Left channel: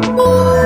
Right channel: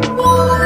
Oh.